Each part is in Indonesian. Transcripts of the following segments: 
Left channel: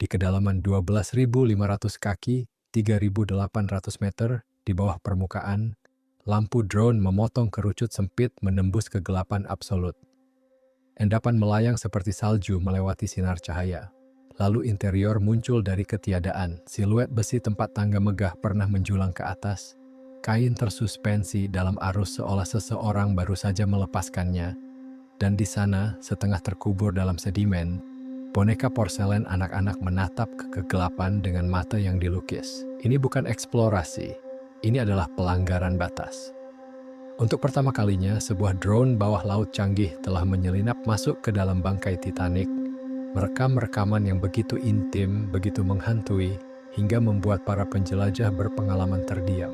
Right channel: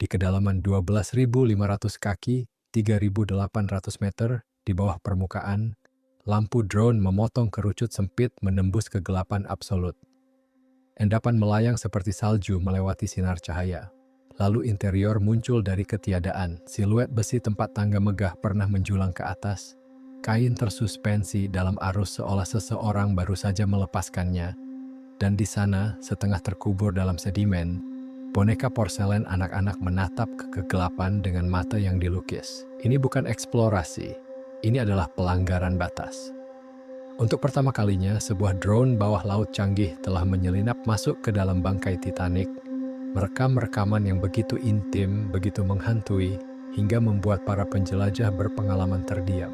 Di kedalaman 12.500 kaki, 3.800 meter di bawah permukaan, lampu drone memotong kerucut sempit menembus kegelapan absolut. Endapan melayang seperti salju melewati sinar cahaya. Lalu interior muncul dari ketiadaan. Siluet besi tempat tangga megah pernah menjulang ke atas. Kain tersuspensi dalam arus seolah seseorang baru saja melepaskannya. Dan di sana, setengah terkubur dalam sedimen, boneka porselen anak-anak menatap ke kegelapan dengan mata yang dilukis. Ini bukan eksplorasi, ini adalah pelanggaran batas. Untuk pertama kalinya, sebuah drone bawah laut canggih telah menyelinap masuk ke dalam bangkai Titanic, merekam rekaman yang begitu intim, begitu menghantui, hingga membuat para penjelajah berpengalaman terdiam.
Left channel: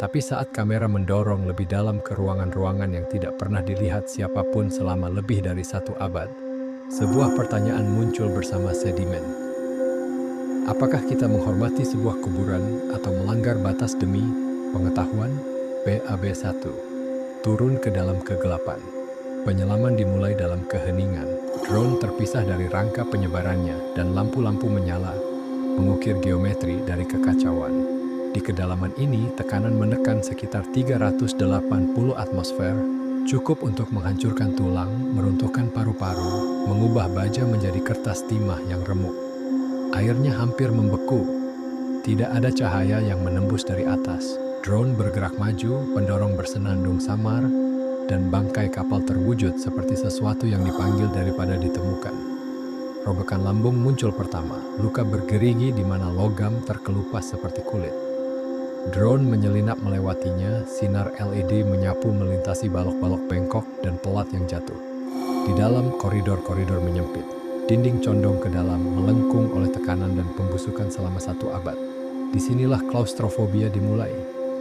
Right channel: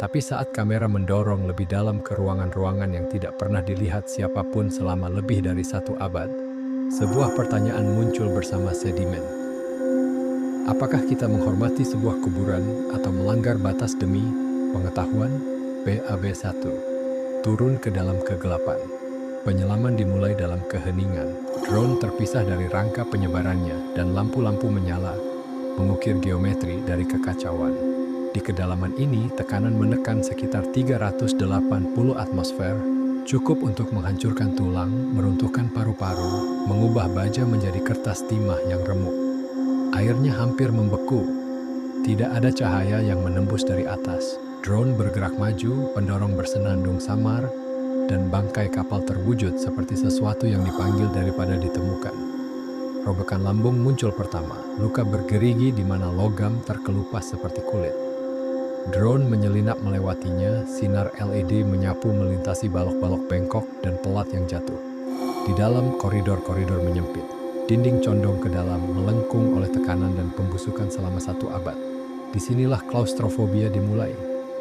Tapi saat kamera mendorong lebih dalam ke ruangan-ruangan yang tidak pernah dilihat siapapun selama lebih dari 1 abad, sebuah pertanyaan muncul bersama sedimen. Apakah kita menghormati sebuah kuburan atau melanggar batas demi pengetahuan? BAB 1. Turun ke dalam kegelapan. Penyelaman dimulai dalam keheningan. Drone terpisah dari rangka penyebarannya dan lampu-lampu menyala, mengukir geometri dari kekacauan. Di kedalaman ini, tekanan menekan sekitar 380 atmosfer, cukup untuk menghancurkan tulang, meruntuhkan paru-paru, mengubah baja menjadi kertas timah yang remuk. Airnya hampir membeku. Tidak ada cahaya yang menembus dari atas. Drone bergerak maju, pendorong bersenandung samar, dan bangkai kapal terwujud seperti sesuatu yang dipanggil daripada ditemukan. Robekan lambung muncul pertama, luka bergerigi di mana logam terkelupas seperti kulit. Drone menyelinap melewatinya, sinar LED menyapu melintasi balok-balok bengkok dan pelat yang jatuh. Di dalam, koridor-koridor menyempit. Dinding condong ke dalam, melengkung oleh tekanan dan pembusukan selama 1 abad. Disinilah klaustrofobia dimulai.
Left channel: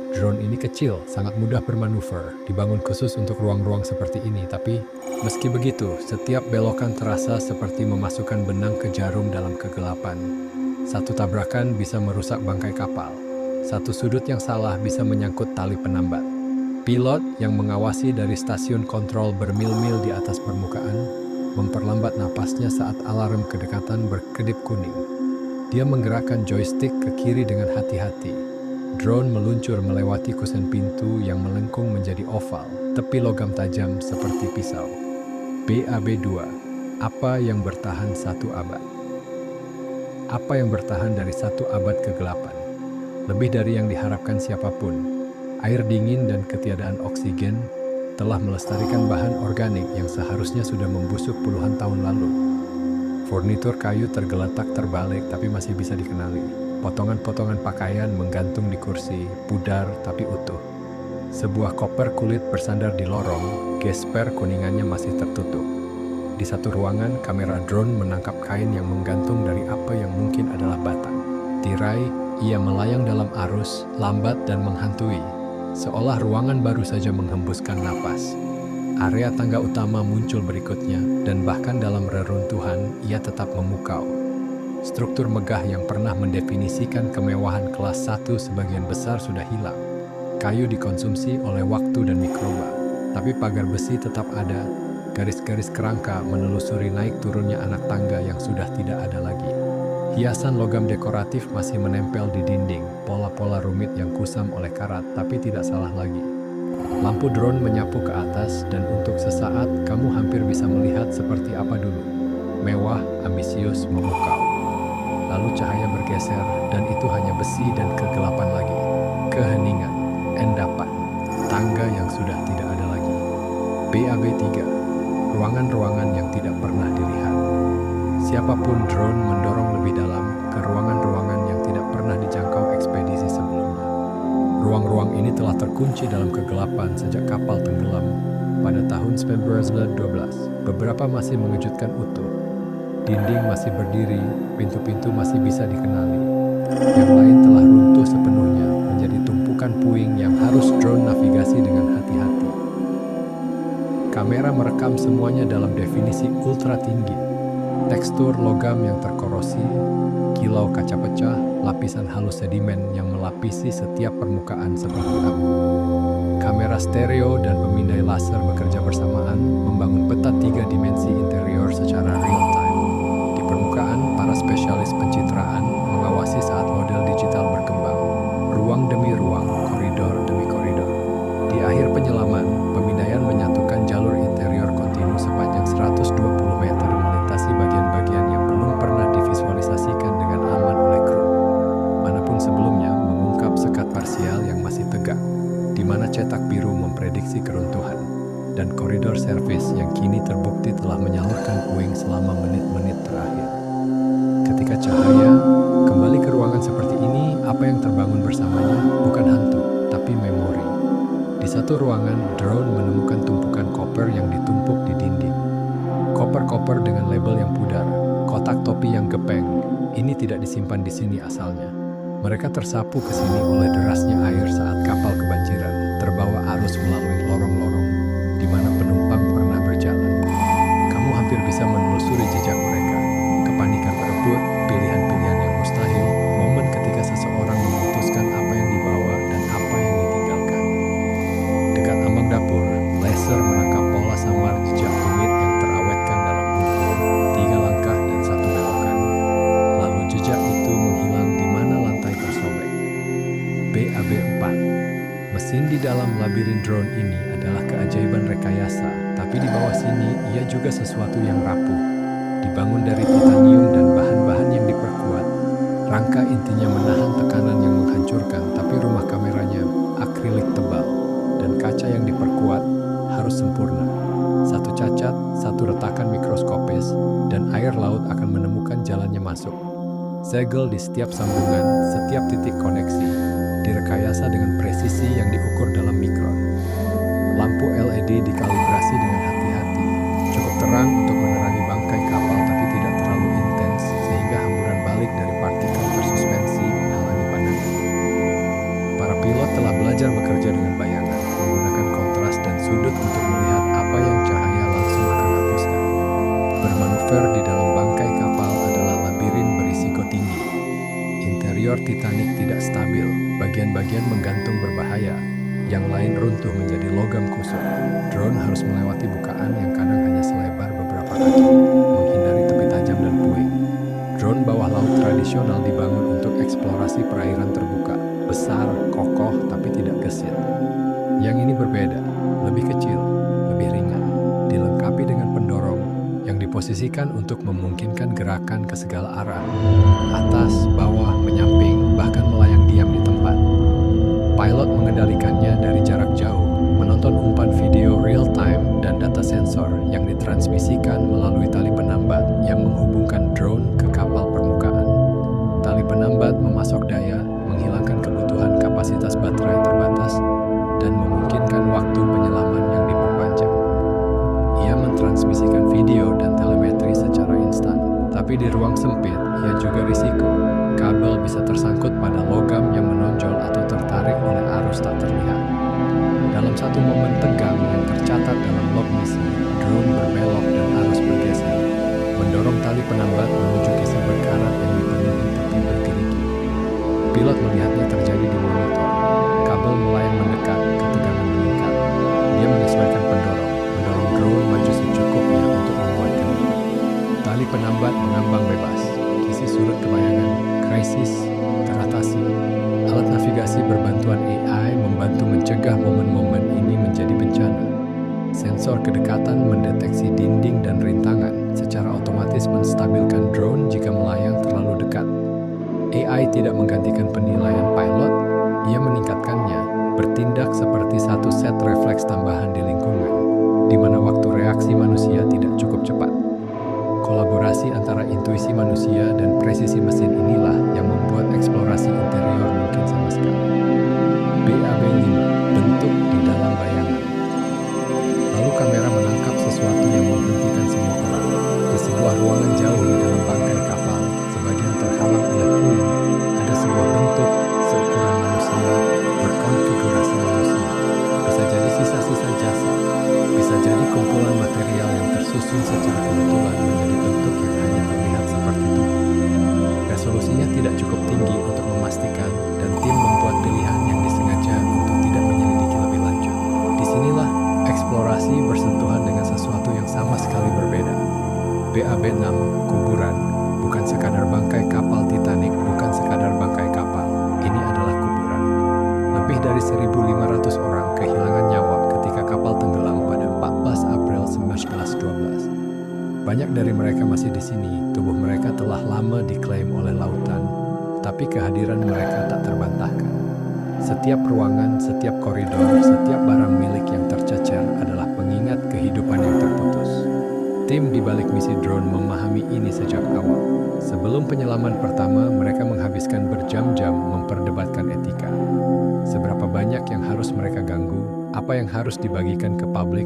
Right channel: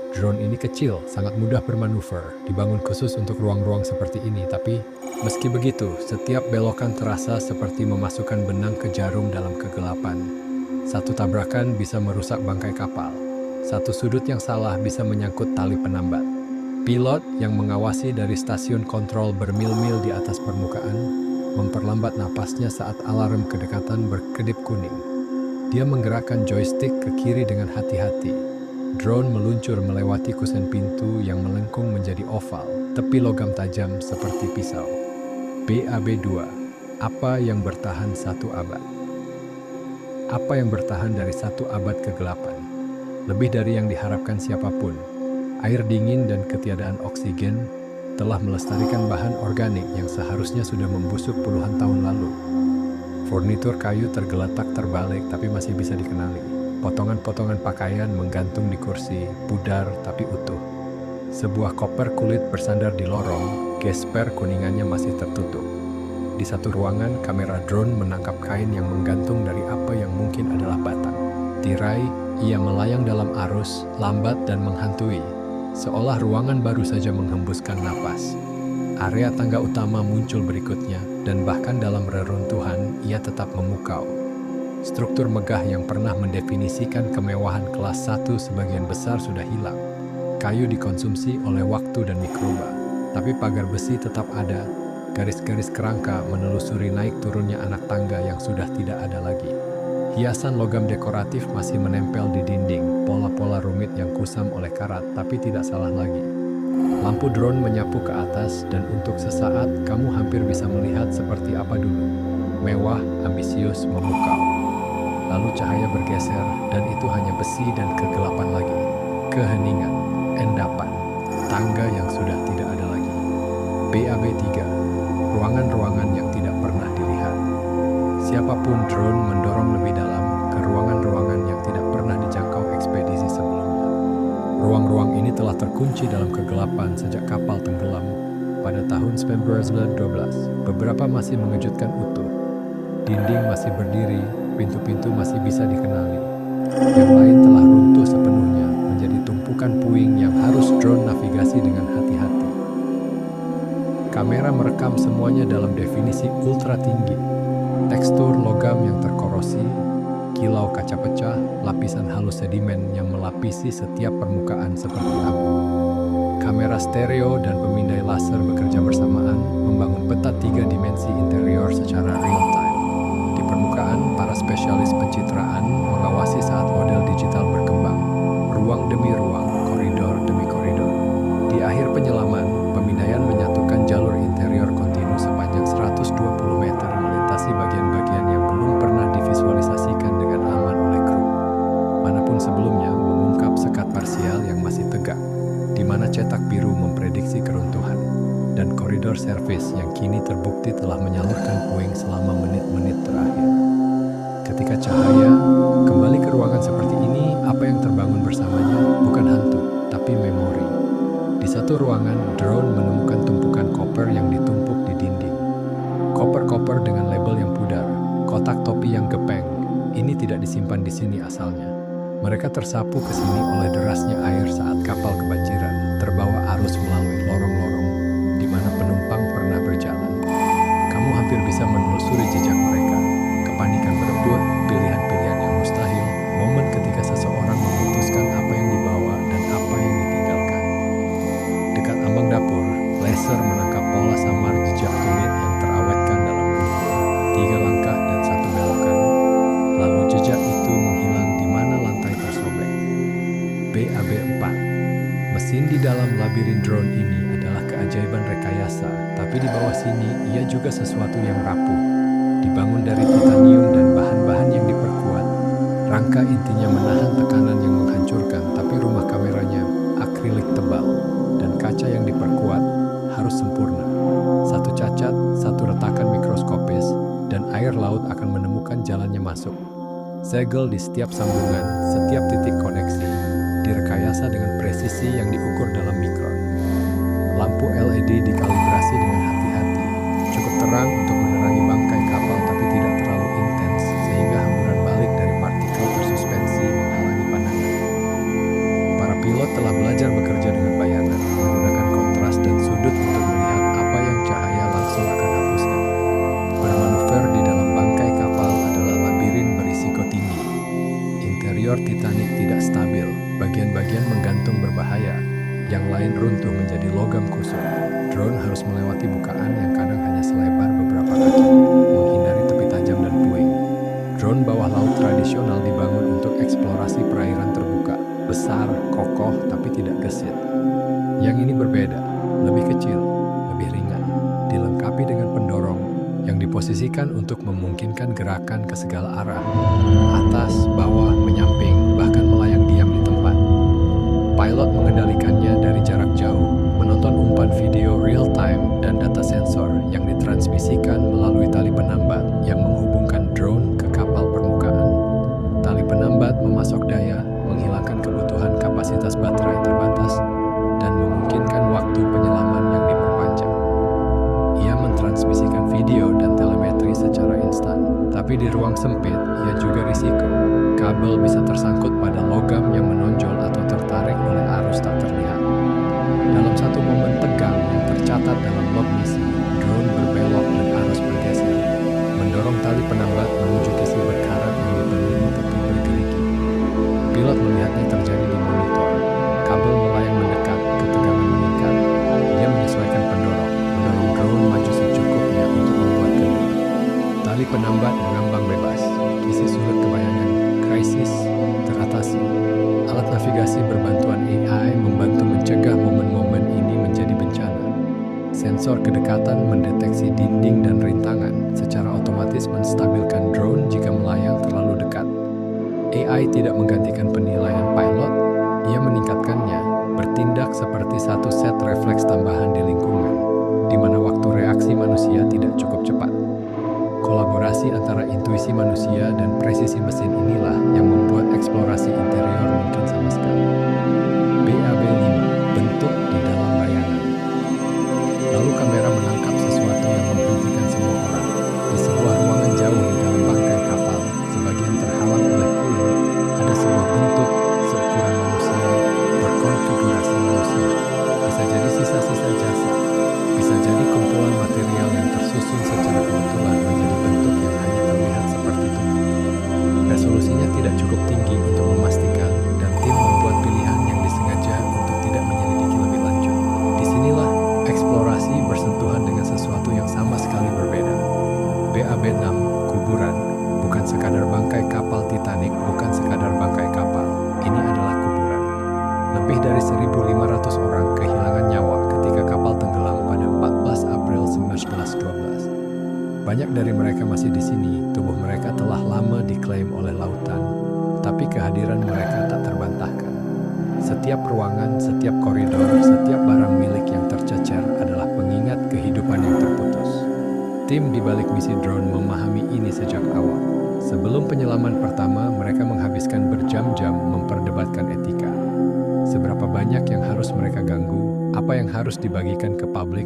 Drone ini kecil, sangat mudah bermanuver, dibangun khusus untuk ruang-ruang seperti ini. Tapi, meski begitu, setiap belokan terasa seperti memasukkan benang ke jarum dalam kegelapan. Satu tabrakan bisa merusak bangkai kapal. Satu sudut yang salah bisa menyangkut tali penambat. Pilot yang mengawasi dari stasiun kontrol bermil-mil di atas permukaan memperlambat napasnya saat alarm kedekatan berkedip kuning. Dia menggerakkan joystick ke kiri dengan hati-hati. Drone meluncur melewati kusen pintu yang melengkung menjadi oval, tepi logam tajam seperti pisau. BAB 2. Apa yang bertahan 1 abad? Apa yang bertahan dari 1 abad kegelapan? Lebih dari yang diharapkan siapapun, air dingin dan ketiadaan oksigen telah melestarikan bahan organik yang seharusnya sudah membusuk puluhan tahun lalu. Furnitur kayu tergeletak terbalik tapi masih bisa dikenali. Potongan-potongan pakaian menggantung di kursi, pudar tapi utuh. Sebuah koper kulit bersandar di lorong, gesper kuningannya masih tertutup. Di satu ruangan, kamera drone menangkap kain yang menggantung dari apa yang mungkin adalah batang. Tirai, ia melayang dalam arus, lambat dan menghantui, seolah ruangan baru saja menghembuskan napas. Area tangga utama muncul berikutnya, dan bahkan dalam reruntuhan, ia tetap memukau. Struktur megah yang pernah mendefinisikan kemewahan kelas 1 sebagian besar sudah hilang. Kayu dikonsumsi oleh waktu dan mikroba, tapi pagar besi tetap ada. Garis-garis kerangka menelusuri naik turunnya anak tangga yang sudah tidak ada lagi. Hiasan logam dekoratif masih menempel di dinding, pola-pola rumit yang kusam oleh karat, tapi tidak salah lagi. Lampu drone menyapu ke atas, dan untuk sesaat kamu hampir bisa melihat seperti apa dulu. Mewah, ambisius, memukau. Lalu cahaya bergeser, dan itu hanya besi dan kegelapan lagi. Keheningan, endapan, tangga yang sudah tidak ada lagi. BAB 3. Ruangan-ruangan yang tidak pernah dilihat. Siapapun drone mendorong lebih dalam ke ruangan-ruangan yang tidak pernah dijangkau ekspedisi sebelumnya. Ruang-ruang ini telah terkunci dalam kegelapan sejak kapal tenggelam pada tahun 1912. Beberapa masih mengejutkan utuh. Dinding masih berdiri, pintu-pintu masih bisa dikenali. Yang lain telah runtuh sepenuhnya menjadi tumpukan puing yang harus drone navigasi dengan hati-hati. Kamera merekam semuanya dalam definisi ultra tinggi. Tekstur logam yang terkorosi, kilau kaca pecah, lapisan halus sedimen yang melapisi setiap permukaan seperti abu. Kamera stereo dan pemindai laser bekerja bersamaan, membangun peta 3 dimensi interior secara real time. Di permukaan, para spesialis pencitraan mengawasi saat model digital berkembang, ruang demi ruang, koridor demi koridor. Di akhir penyelaman, pemindaian menyatukan jalur interior kontinu sepanjang 120 meter melintasi bagian-bagian yang belum pernah divisualisasikan dengan aman oleh kru. Manapun sebelumnya mengungkap sekat parsial yang masih tegak, di mana cetak biru memprediksi keruntuhan, dan koridor servis yang kini terbukti telah menyalurkan puing selama menit-menit terakhir. Ketika cahaya kembali ke ruangan seperti ini, apa yang terbangun bersamanya bukan hantu, tapi memori. Di satu ruangan, drone menemukan tumpukan koper yang ditumpuk di dinding. Koper-koper dengan label yang pudar, kotak topi yang gepeng. Ini tidak disimpan di sini asalnya. Mereka tersapu ke sini oleh derasnya air saat kapal kebanjiran, terbawa arus melalui lorong-lorong di mana penumpang pernah berjalan. Kamu hampir bisa menelusuri jejak mereka. Kepanikan berebut, pilihan-pilihan yang mustahil, momen ketika seseorang memutuskan apa yang dibawa dan apa yang ditinggalkan. Dekat ambang dapur, laser menangkap pola samar jejak tumit yang terawetkan dalam lumpur, 3 langkah dan 1 belokan. Lalu jejak itu menghilang di mana lantai tersobek. BAB-4. Mesin di dalam labirin drone ini adalah keajaiban rekayasa, tapi di bawah sini ia juga sesuatu yang rapuh. Dibangun dari titanium dan bahan-bahan yang diperkuat, rangka intinya menahan tekanan yang menghancurkan, tapi rumah kameranya akrilik tebal, dan kaca yang diperkuat harus sempurna. Satu cacat, satu retakan mikroskopis, dan air laut akan menemukan jalannya masuk. Segel di setiap sambungan, setiap titik koneksi, direkayasa dengan presisi yang diukur dalam mikron. Lampu LED dikalibrasi dengan hati-hati, cukup terang untuk menerangi bangkai kapal tapi tidak terlalu intens sehingga hamburan balik dari partikel tersuspensi menghalangi pandangan. Para pilot telah belajar bekerja dengan bayangan, menggunakan kontras dan sudut untuk melihat apa yang cahaya langsung akan hapuskan. Bermanuver di dalam bangkai kapal adalah labirin berisiko tinggi. Interior Titanic tidak stabil, bagian-bagian menggantung berbahaya, yang lain runtuh menjadi logam kusut. Drone harus melewati bukaan yang kadang hanya selebar beberapa kaki, menghindari tepi tajam dan puing. Drone bawah laut tradisional dibangun untuk eksplorasi perairan terbuka, besar, kokoh, tapi tidak gesit. Yang ini berbeda, lebih kecil, lebih ringan, dilengkapi dengan pendorong yang diposisikan untuk memungkinkan gerakan ke segala arah, atas, bawah, menyamping, bahkan melayang diam di tempat. Pilot mengendalikannya dari jarak jauh, menonton umpan video real-time dan data sensor yang ditransmisikan melalui tali penambat yang menghubungkan drone ke kapal permukaan. Tali penambat memasok daya, menghilangkan kebutuhan kapasitas baterai terbatas, dan memungkinkan waktu penyelaman yang diperpanjang. Ia mentransmisikan video dan telemetri secara instan, tapi di ruang sempit, ia juga risiko. Kabel bisa tersangkut pada logam yang menonjol atau tertarik oleh arus tak terlihat. Dalam satu momen tegang yang tercatat dalam log misi, drone berbelok dan arus bergeser, mendorong tali penambat menuju kisi berkarat yang dipenuhi tepi bergerigi. Pilot melihatnya terjadi di monitor. Kabel melayang mendekat, ketegangan meningkat. Dia menyesuaikan pendorong, mendorong drone maju secukupnya untuk membuat kendur. Tali penambat mengambang bebas, kisi surut ke bayangan, krisis teratasi. Alat navigasi berbantuan AI membantu mencegah momen-momen ini menjadi bencana. Sensor kedekatan mendeteksi dinding dan rintangan, secara otomatis menstabilkan drone jika melayang terlalu dekat. AI tidak menggantikan penilaian pilot, ia meningkatkannya, bertindak seperti satu set refleks tambahan di lingkungan, di mana waktu reaksi manusia tidak cukup cepat. Kolaborasi antara intuisi manusia dan presisi mesin inilah yang membuat eksplorasi interior mungkin sama sekali. BAB-5, bentuk di dalam bayangan. Lalu kamera menangkap sesuatu yang menghentikan semua orang. Di sebuah ruangan jauh di dalam bangkai kapal, sebagian terhalang oleh puing, ada sebuah bentuk seukuran manusia, berkonfigurasi manusia. Bisa jadi sisa-sisa jasad, bisa jadi kumpulan material yang tersusun secara kebetulan menjadi bentuk yang hanya terlihat seperti tubuh. Resolusinya tidak cukup tinggi untuk memastikan, dan tim membuat pilihan yang disengaja untuk tidak menyelidiki lebih lanjut. Disinilah eksplorasi bersentuhan dengan sesuatu yang sama sekali berbeda. BAB-6, kuburan, bukan sekadar bangkai kapal Titanic, bukan sekadar bangkai kapal. Ini adalah kuburan. Lebih dari 1.500 orang kehilangan nyawa ketika kapal tenggelam pada 14 April 1912. Banyak dari mereka masih di sini. Tubuh mereka telah lama diklaim oleh lautan, tapi kehadiran mereka tak terbantahkan. Setiap ruangan, setiap koridor, setiap barang milik yang tercecer adalah pengingat kehidupan yang terputus. Tim di balik misi drone memahami ini sejak awal. Sebelum penyelaman pertama, mereka menghabiskan berjam-jam memperdebatkan etika. Seberapa banyak yang harus mereka ganggu, apa yang harus dibagikan ke publik,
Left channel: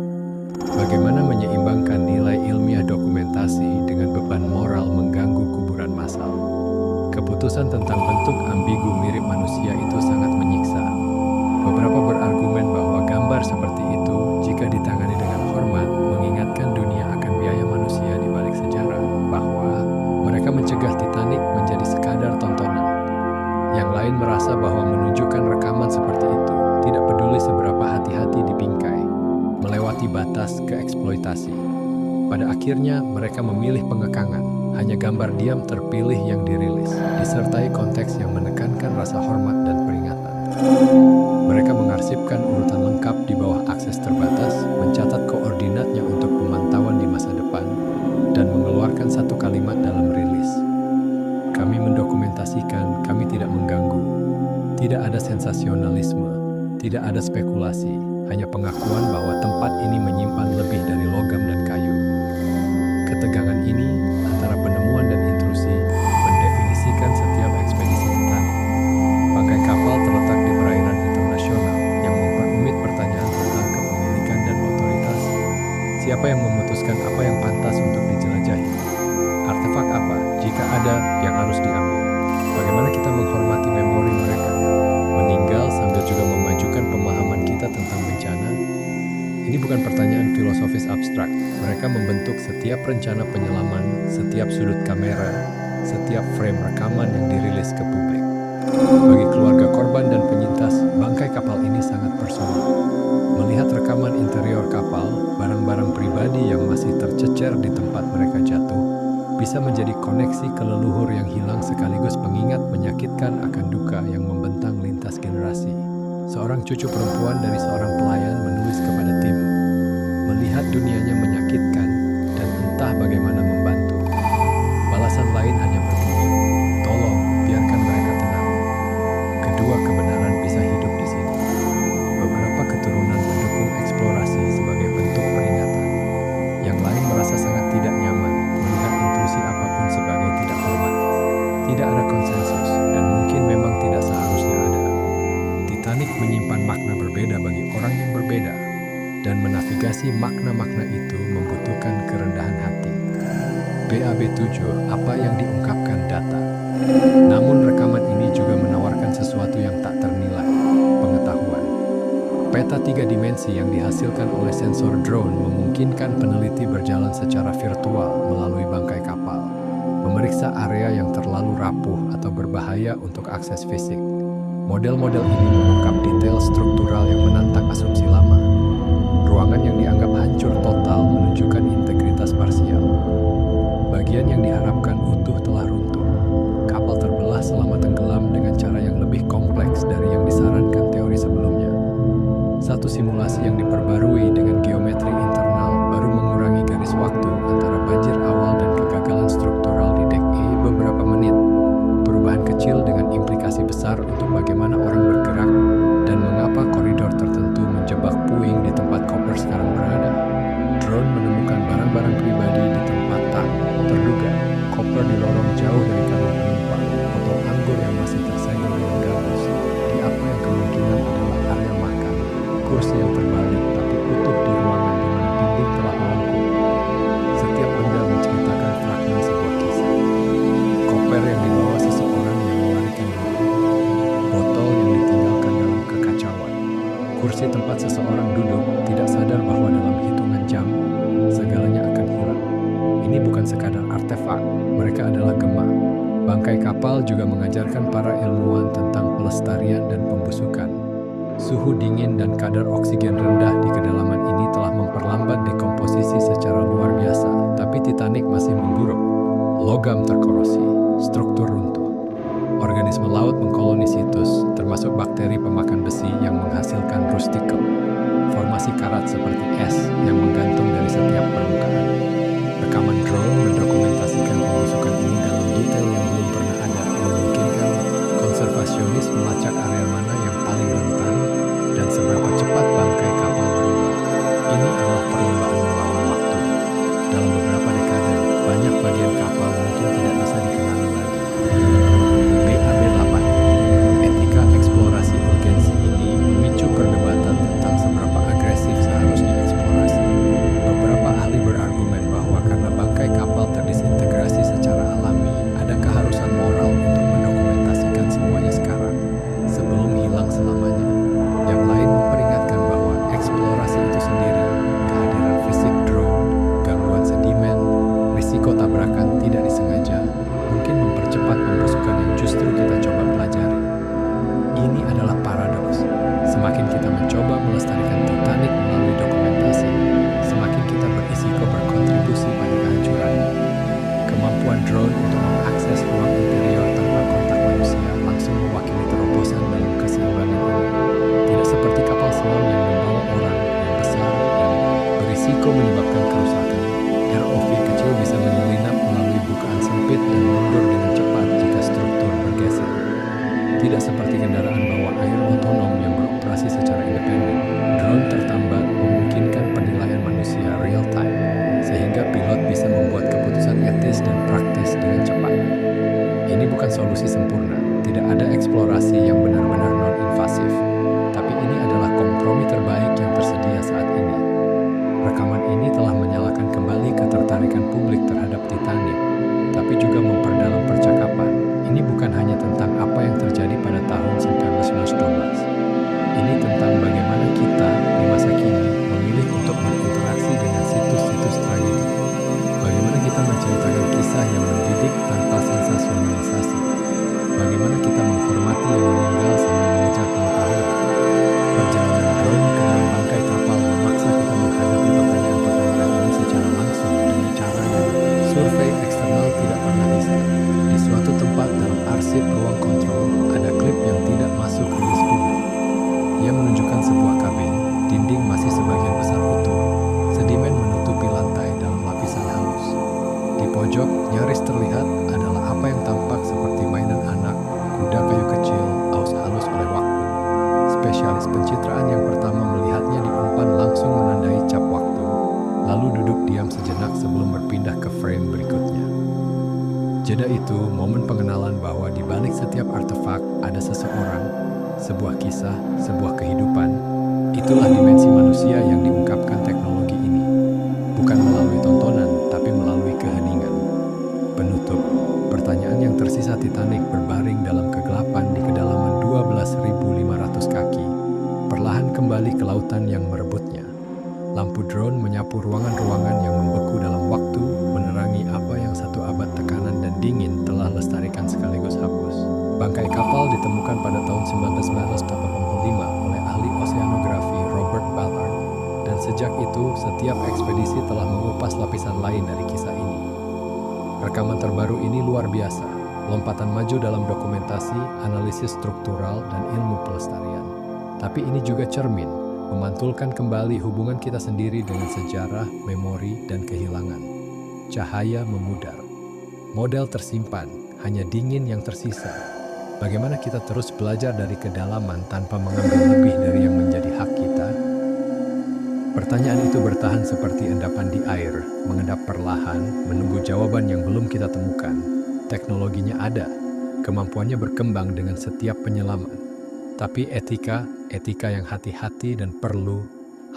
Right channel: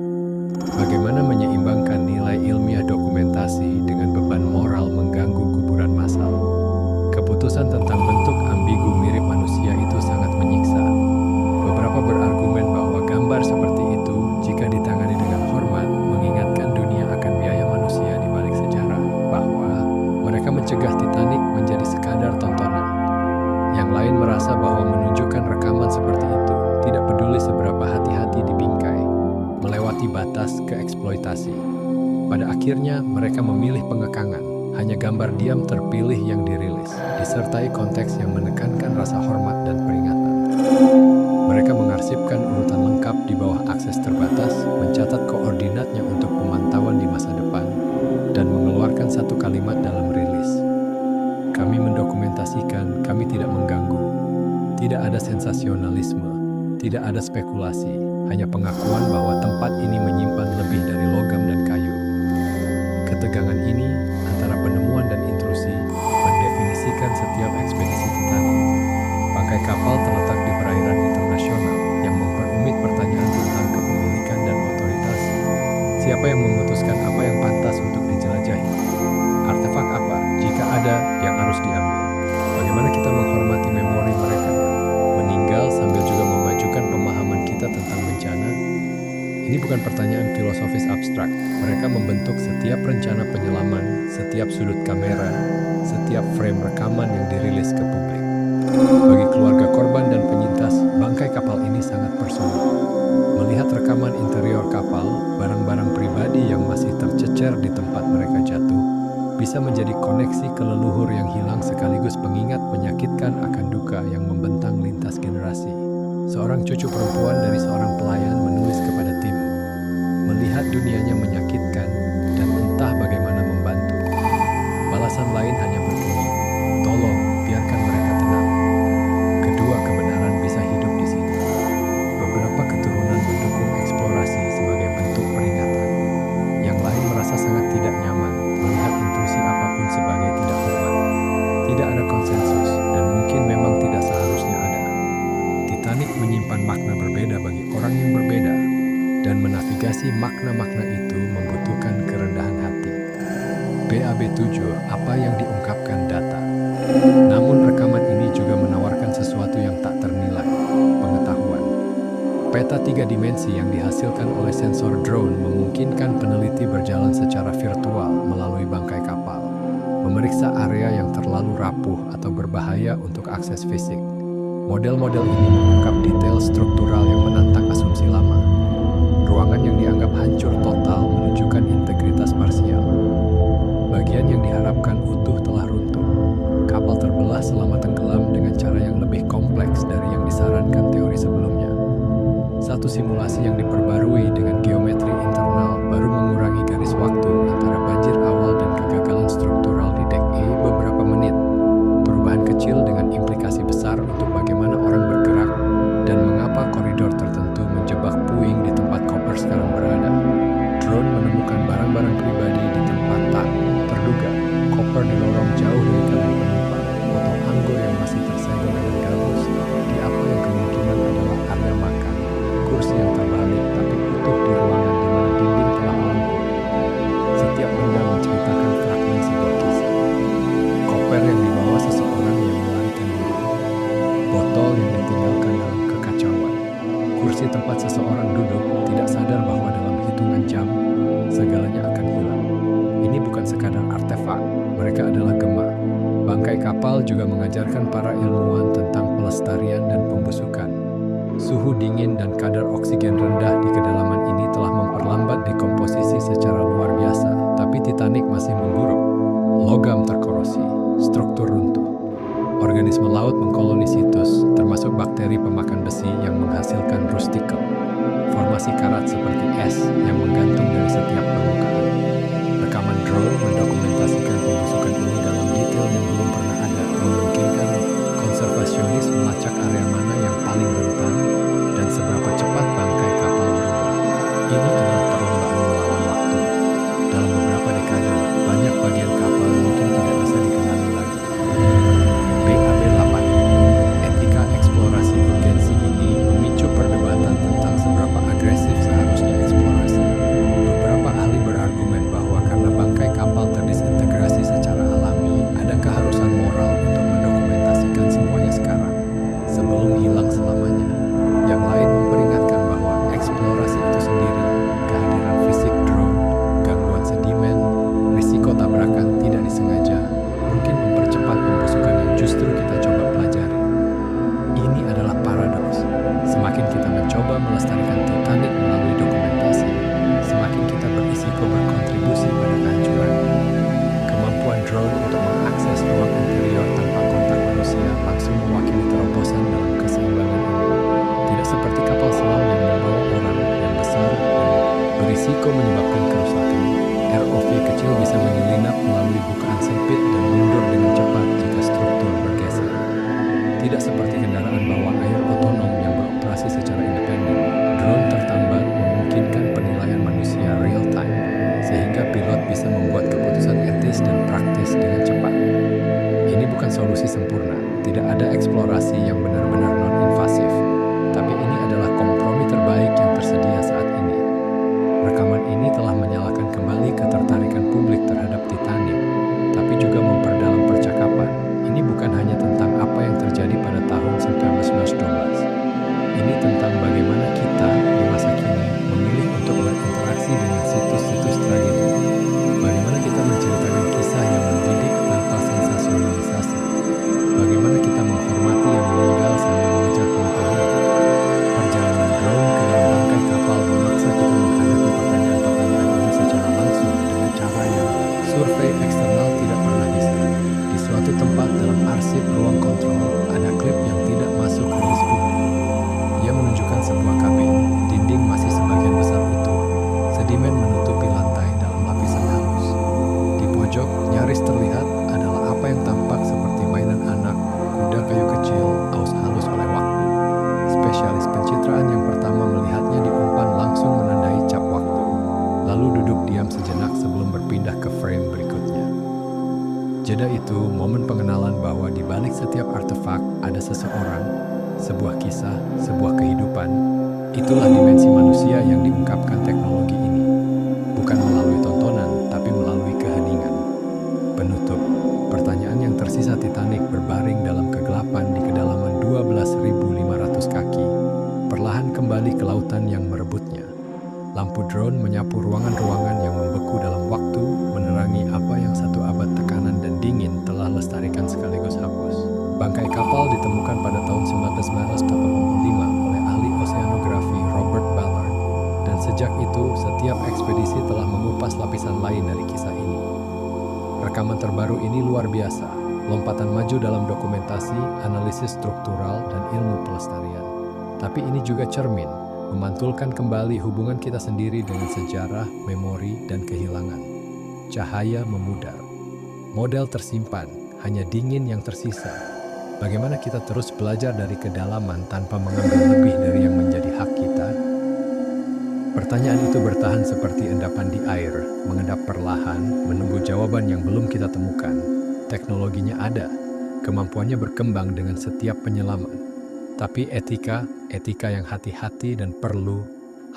bagaimana menyeimbangkan nilai ilmiah dokumentasi dengan beban moral mengganggu kuburan massal. Keputusan tentang bentuk ambigu mirip manusia itu sangat menyiksa. Beberapa berargumen bahwa gambar seperti itu, jika ditangani dengan hormat, mengingatkan dunia akan biaya manusia di balik sejarah, bahwa mereka mencegah Titanic menjadi sekadar tontonan. Yang lain merasa bahwa menunjukkan rekaman seperti itu tidak peduli seberapa hati-hati di bingkai, melewati batas ke eksploitasi. Pada akhirnya, mereka memilih pengekangan. Hanya gambar diam terpilih yang dirilis, disertai konteks yang menekankan rasa hormat dan peringatan. Mereka mengarsipkan urutan lengkap di bawah akses terbatas, mencatat koordinatnya untuk pemantauan di masa depan, dan mengeluarkan satu kalimat dalam rilis. Kami mendokumentasikan, kami tidak mengganggu. Tidak ada sensasionalisme, tidak ada spekulasi, hanya pengakuan bahwa tempat ini menyimpan lebih dari logam dan kayu. Ketegangan ini antara penemuan dan intrusi mendefinisikan setiap ekspedisi Titanic. Bangkai kapal terletak di perairan internasional yang memperumit pertanyaan tentang kepemilikan dan otoritas. Siapa yang memutuskan apa yang pantas untuk dijelajahi? Artefak apa, jika ada, yang harus diambil? Bagaimana kita menghormati memori mereka yang meninggal sambil juga memajukan pemahaman kita tentang bencana? Ini bukan pertanyaan filosofis abstrak. Mereka membentuk setiap rencana penyelaman, setiap sudut kamera, setiap frame rekaman yang dirilis ke publik. Bagi keluarga korban dan penyintas, bangkai kapal ini sangat personal. Melihat rekaman interior kapal, barang-barang pribadi yang masih tercecer di tempat mereka jatuh, bisa menjadi koneksi ke leluhur yang hilang sekaligus pengingat menyakitkan akan duka yang membentang lintas generasi. Seorang cucu perempuan dari seorang pelayan menulis kepada tim, melihat dunianya menyakitkan dan entah bagaimana membantu. Balasan lain hanya berbunyi, tolong biarkan mereka tenang. Kedua kebenaran bisa hidup di sini. Beberapa keturunan mendukung eksplorasi sebagai bentuk peringatan. Yang lain merasa sangat tidak nyaman melihat intrusi apapun sebagai tidak hormat. Tidak ada konsensus dan mungkin memang tidak seharusnya ada. Titanic menyimpan makna berbeda bagi orang yang berbeda, dan menavigasi makna-makna itu membutuhkan kerendahan hati. BAB7, apa yang diungkapkan data. Namun rekaman ini juga menawarkan sesuatu yang tak ternilai, pengetahuan. Peta 3 dimensi yang dihasilkan oleh sensor drone memungkinkan peneliti berjalan secara virtual melalui bangkai kapal, memeriksa area yang terlalu rapuh atau berbahaya untuk akses fisik. Model-model ini mengungkap detail struktural yang menantang asumsi lama. Ruangan yang dianggap hancur total menunjukkan integritas parsial. Bagian yang diharapkan utuh telah runtuh. Kapal terbelah selama tenggelam dengan cara yang lebih kompleks dari yang disarankan teori sebelumnya. Satu simulasi yang diperbarui dengan geometri internal baru mengurangi garis waktu antara banjir awal dan kegagalan struktural di dek E beberapa menit. Perubahan kecil dengan implikasi besar untuk bagaimana orang bergerak dan mengapa koridor tertentu menjebak puing di tempat koper sekarang berada. Drone menemukan barang-barang pribadi di tempat tak terduga, koper di lorong jauh dari kabin penumpang, botol anggur yang masih tersegel dengan gabus, di apa yang kemungkinan adalah area makan, kursi yang terbalik tapi utuh di ruangan di mana dinding telah melengkung. Setiap benda menceritakan fragmen sebuah kisah. Koper yang dibawa seseorang yang melarikan diri, botol yang ditinggalkan dalam kekacauan, kursi tempat seseorang duduk tidak sadar bahwa dalam hitungan jam segalanya akan hilang. Ini bukan sekadar artefak, mereka adalah gema. Bangkai kapal juga mengajarkan para ilmuwan tentang pelestarian dan pembusukan. Suhu dingin dan kadar oksigen rendah di kedalaman ini telah memperlambat dekomposisi secara luar biasa, tapi Titanic masih memburuk. Logam terkorosi, struktur runtuh. Organisme laut mengkoloni situs, termasuk bakteri pemakan besi yang menghasilkan rustikel. Formasi karat seperti es yang menggantung dari setiap permukaan. Rekaman drone mendokumentasikan pembusukan ini dalam detail yang belum pernah ada, memungkinkan konservasionis melacak area mana yang paling rentan dan seberapa cepat bangkai kapal berubah. Ini adalah perlombaan melawan waktu. Dalam beberapa dekade, banyak bagian kapal mungkin tidak bisa dikenali lagi. BAB-8. Etika eksplorasi urgensi ini memicu perdebatan tentang seberapa agresif seharusnya eksplorasi. Beberapa ahli berargumen bahwa karena bangkai kapal terdisintegrasi secara alami, ada keharusan moral untuk mendokumentasikan semuanya sekarang, sebelum hilang selamanya. Yang lain memperingatkan bahwa eksplorasi itu sendiri, kehadiran fisik drone, gangguan sedimen, risiko tabrakan tidak disengaja, mungkin mempercepat pembusukan yang justru kita coba pelajari. Ini adalah paradoks. Semakin kita mencoba melestarikan Titanic melalui dokumentasi, semakin kita berisiko berkontribusi pada kehancurannya. Kemampuan drone untuk mengakses ruang interior tanpa kontak manusia langsung mewakili terobosan dalam keseimbangan ini. Tidak seperti kapal selam yang membawa orang yang besar dan berisiko menyebabkan kerusakan. ROV kecil bisa menyelinap melalui bukaan sempit dan mundur dengan cepat jika struktur bergeser. Tidak seperti kendaraan bawah air otonom yang beroperasi secara independen, drone tertambat memungkinkan penilaian manusia real time, sehingga pilot bisa membuat keputusan etis dan praktis dengan cepat. Ini bukan solusi sempurna, tidak ada eksplorasi yang benar-benar non-invasif, tapi ini adalah kompromi terbaik yang tersedia saat ini. Rekaman ini telah menyalakan kembali ketertarikan publik terhadap Titanic, tapi juga memperdalam percakapan. Ini bukan hanya tentang apa yang terjadi pada tahun 1912. Ini tentang bagaimana kita di masa kini memilih untuk berinteraksi dengan situs-situs tragedi. Bagaimana kita menceritakan kisah yang mendidik tanpa sensasionalisasi. Bagaimana kita menghormati yang meninggal sambil mengejar pengetahuan. Perjalanan drone ke dalam bangkai kapal memaksa kita menghadapi pertanyaan-pertanyaan ini secara langsung dengan cara yang survei eksternal tidak pernah bisa. Di suatu tempat dalam arsip ruang kontrol, ada klip yang tidak masuk rilis publik. Ia menunjukkan sebuah kabin, dinding masih sebagian besar utuh, sedimen menutupi lantai dalam lapisan halus. Di pojok, nyaris terlihat adalah apa yang tampak seperti mainan anak, kuda kayu kecil, aus halus oleh waktu. Spesialis pencitraan yang pertama melihatnya di umpan langsung menandai cap waktu, lalu duduk diam sejenak sebelum berpindah ke frame berikutnya. Jeda itu momen pengenalan bahwa di balik setiap artefak ada seseorang, sebuah kisah, sebuah kehidupan. Itulah dimensi manusia yang diungkapkan teknologi ini. Bukan melalui tontonan, tapi melalui keheningan. Penutup, pertanyaan yang tersisa Titanic berbaring dalam kegelapan di kedalaman 12.500 kaki, perlahan kembali ke lautan yang merebutnya. Lampu drone menyapu ruangan-ruangan yang membeku dalam waktu, menerangi apa yang satu abad tekanan dan dingin telah lestarikan sekaligus hapus. Bangkai kapal ditemukan pada tahun 1985 oleh ahli oseanografi Robert Ballard, dan sejak itu setiap ekspedisi telah mengupas lapisan lain dari kisah ini. Rekaman terbaru ini luar biasa, lompatan maju dalam dokumentasi, analisis struktural, dan ilmu pelestarian. Tapi ini juga cermin, memantulkan kembali hubungan kita sendiri dengan sejarah, memori, dan kehilangan. Cahaya memudar. Model tersimpan, hanya dingin yang tersisa. Bagaimana kita terus belajar dari kedalaman tanpa mengambil lebih dari yang menjadi hak kita? Pertanyaan itu bertahan seperti endapan di air, mengendap perlahan, menunggu jawaban yang belum kita temukan. Teknologinya ada, kemampuannya berkembang dengan setiap penyelaman. Tapi etika yang hati-hati dan perlu,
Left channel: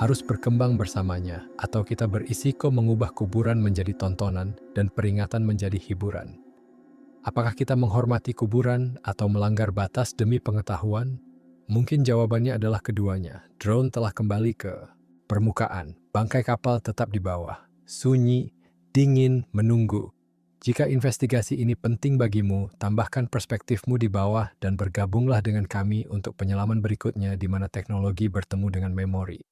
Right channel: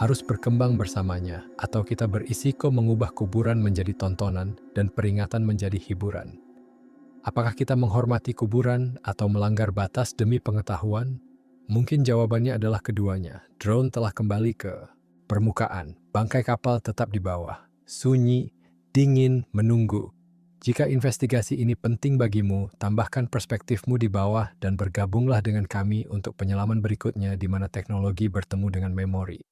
harus berkembang bersamanya, atau kita berisiko mengubah kuburan menjadi tontonan dan peringatan menjadi hiburan. Apakah kita menghormati kuburan atau melanggar batas demi pengetahuan? Mungkin jawabannya adalah keduanya. Drone telah kembali ke permukaan, bangkai kapal tetap di bawah, sunyi, dingin, menunggu. Jika investigasi ini penting bagimu, tambahkan perspektifmu di bawah dan bergabunglah dengan kami untuk penyelaman berikutnya di mana teknologi bertemu dengan memori.